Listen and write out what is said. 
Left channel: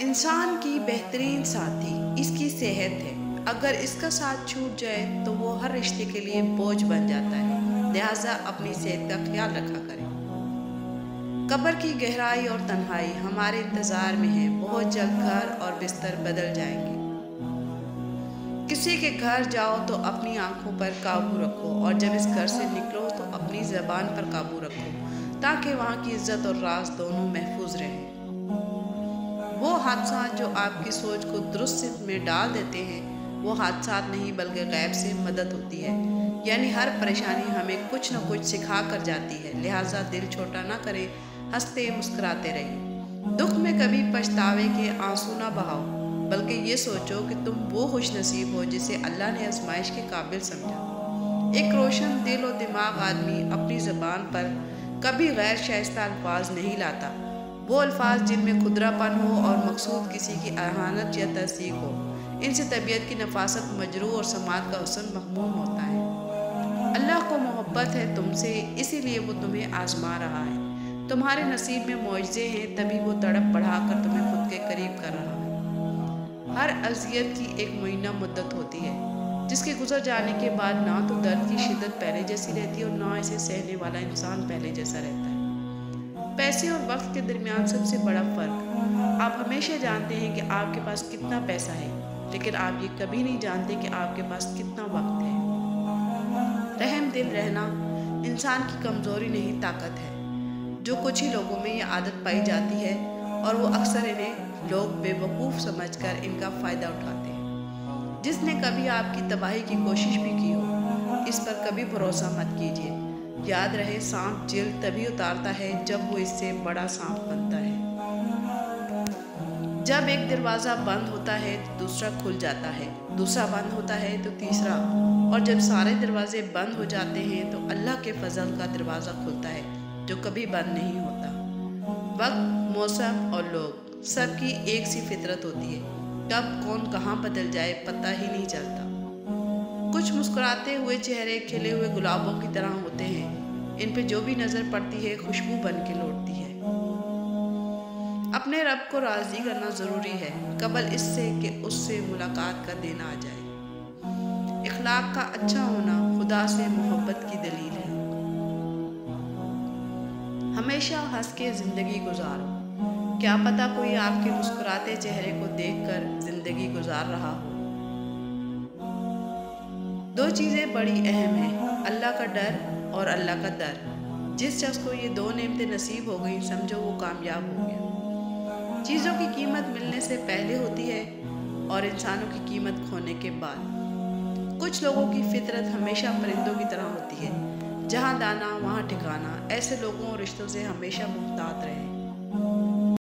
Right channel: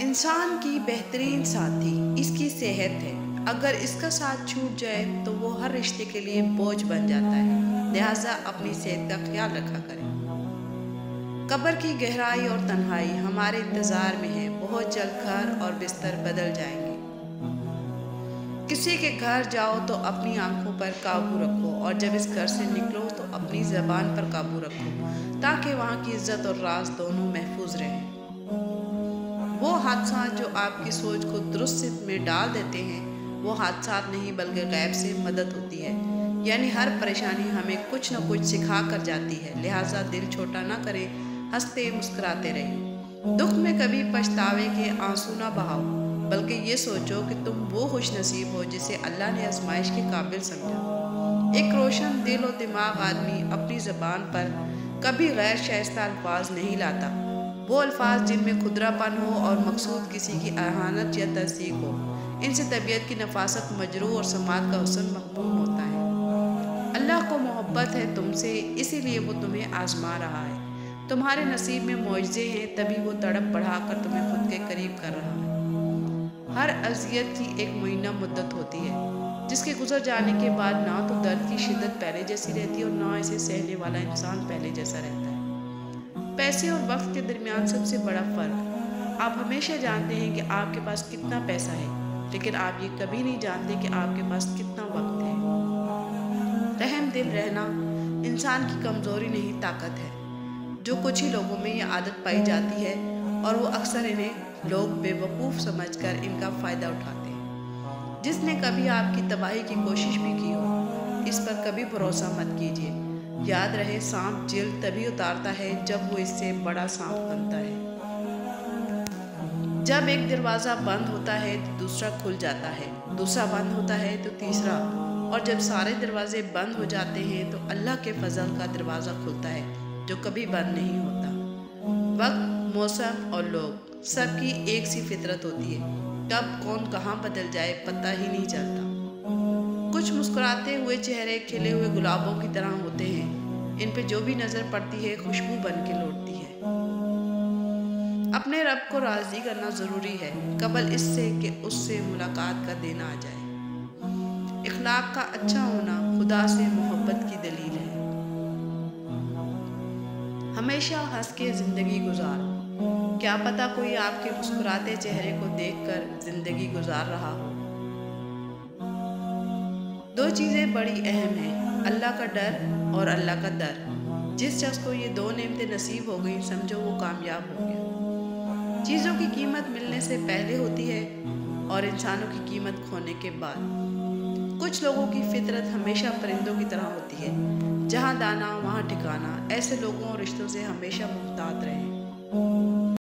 انسان کی بہترین ساتھی اس کی صحت ہے۔ اگر اس کا ساتھ چھوٹ جائے تو وہ ہر رشتے کے لیے بوجھ بن جاتا ہے، لہٰذا اپنی صحت کا خیال رکھا کریں۔ قبر کی گہرائی اور تنہائی ہمارے انتظار میں ہے، بہت جلد گھر اور بستر بدل جائیں گے۔ کسی کے گھر جاؤ تو اپنی آنکھوں پر قابو رکھو، اور جب اس گھر سے نکلو تو اپنی زبان پر قابو رکھو، تاکہ وہاں کی عزت اور راز دونوں محفوظ رہیں۔ وہ حادثات جو آپ کی سوچ کو درست سمت میں ڈال دیتے ہیں، وہ حادثات نہیں بلکہ غیب سے مدد ہوتی ہے، یعنی ہر پریشانی ہمیں کچھ نہ کچھ سکھا کر جاتی ہے، لہٰذا دل چھوٹا نہ کریں، ہنستے مسکراتے رہیے۔ دکھ میں کبھی پچھتاوے کے آنسو نہ بہاؤ، بلکہ یہ سوچو کہ تم وہ خوش نصیب ہو جسے اللہ نے آزمائش کے قابل سمجھا۔ ایک روشن دل و دماغ آدمی اپنی زبان پر کبھی غیر شائستہ الفاظ نہیں لاتا۔ وہ الفاظ جن میں کھدرا پن ہو اور مقصود کسی کی اہانت یا تصدیق ہو، ان سے طبیعت کی نفاست مجروح اور سماعت کا حسن مغموم ہوتا ہے۔ اللہ کو محبت ہے تم سے، اسی لیے وہ تمہیں آزما رہا ہے۔ تمہارے نصیب میں معجزے ہیں، تبھی وہ تڑپ بڑھا کر تمہیں خود کے قریب کر رہا ہے۔ ہر اذیت کی ایک معینہ مدت ہوتی ہے، جس کے گزر جانے کے بعد نہ تو درد کی شدت پہلے جیسی رہتی اور نہ اسے سہنے والا انسان پہلے جیسا رہتا ہے۔ پیسے اور وقت کے درمیان سب سے بڑا فرق، آپ ہمیشہ جانتے ہیں کہ آپ کے پاس کتنا پیسہ ہے، لیکن آپ یہ کبھی نہیں جانتے کہ آپ کے پاس کتنا وقت ہے۔ رحم دل رہنا انسان کی کمزوری نہیں، طاقت ہے۔ جو کچھ ہی لوگوں میں یہ عادت پائی جاتی ہے، اور وہ اکثر انہیں لوگ بے وقوف سمجھ کر ان کا فائدہ اٹھاتے ہیں۔ جس نے کبھی آپ کی تباہی کی کوشش بھی کی ہو، اس پر کبھی بھروسہ مت کیجیے۔ یاد رہے، سانپ جلد تبھی اتارتا ہے جب وہ اس سے بڑا سانپ بنتا ہے۔ جب ایک دروازہ بند ہوتا ہے تو دوسرا کھل جاتا ہے، دوسرا بند ہوتا ہے تو تیسرا، اور جب سارے دروازے بند ہو جاتے ہیں تو اللہ کے فضل کا دروازہ کھلتا ہے جو کبھی بند نہیں ہوتا۔ وقت، موسم اور لوگ، سب کی ایک سی فطرت ہوتی ہے، کب کون کہاں بدل جائے پتہ ہی نہیں چلتا۔ کچھ مسکراتے ہوئے چہرے کھلے ہوئے گلابوں کی طرح ہوتے ہیں، ان پہ جو بھی نظر پڑتی ہے خوشبو بن کے لوٹتی ہے۔ اپنے رب کو راضی کرنا ضروری ہے، قبل اس سے کہ اس سے ملاقات کا دن آ جائے۔ اخلاق کا اچھا ہونا خدا سے محبت کی دلیل ہے۔ ہمیشہ ہنس کے زندگی گزارو، کیا پتہ کوئی آپ کے مسکراتے چہرے کو دیکھ کر زندگی گزار رہا ہو۔ دو چیزیں بڑی اہم ہیں، اللہ کا ڈر اور اللہ کا در۔ جس شخص کو یہ دو نعمتیں نصیب ہو گئیں، سمجھو وہ کامیاب ہو گیا۔ چیزوں کی قیمت ملنے سے پہلے ہوتی ہے اور انسانوں کی قیمت کھونے کے بعد۔ کچھ لوگوں کی فطرت ہمیشہ پرندوں کی طرح ہوتی ہے، جہاں دانا وہاں ٹھکانا۔ ایسے لوگوں اور رشتوں سے ہمیشہ محتاط رہیں۔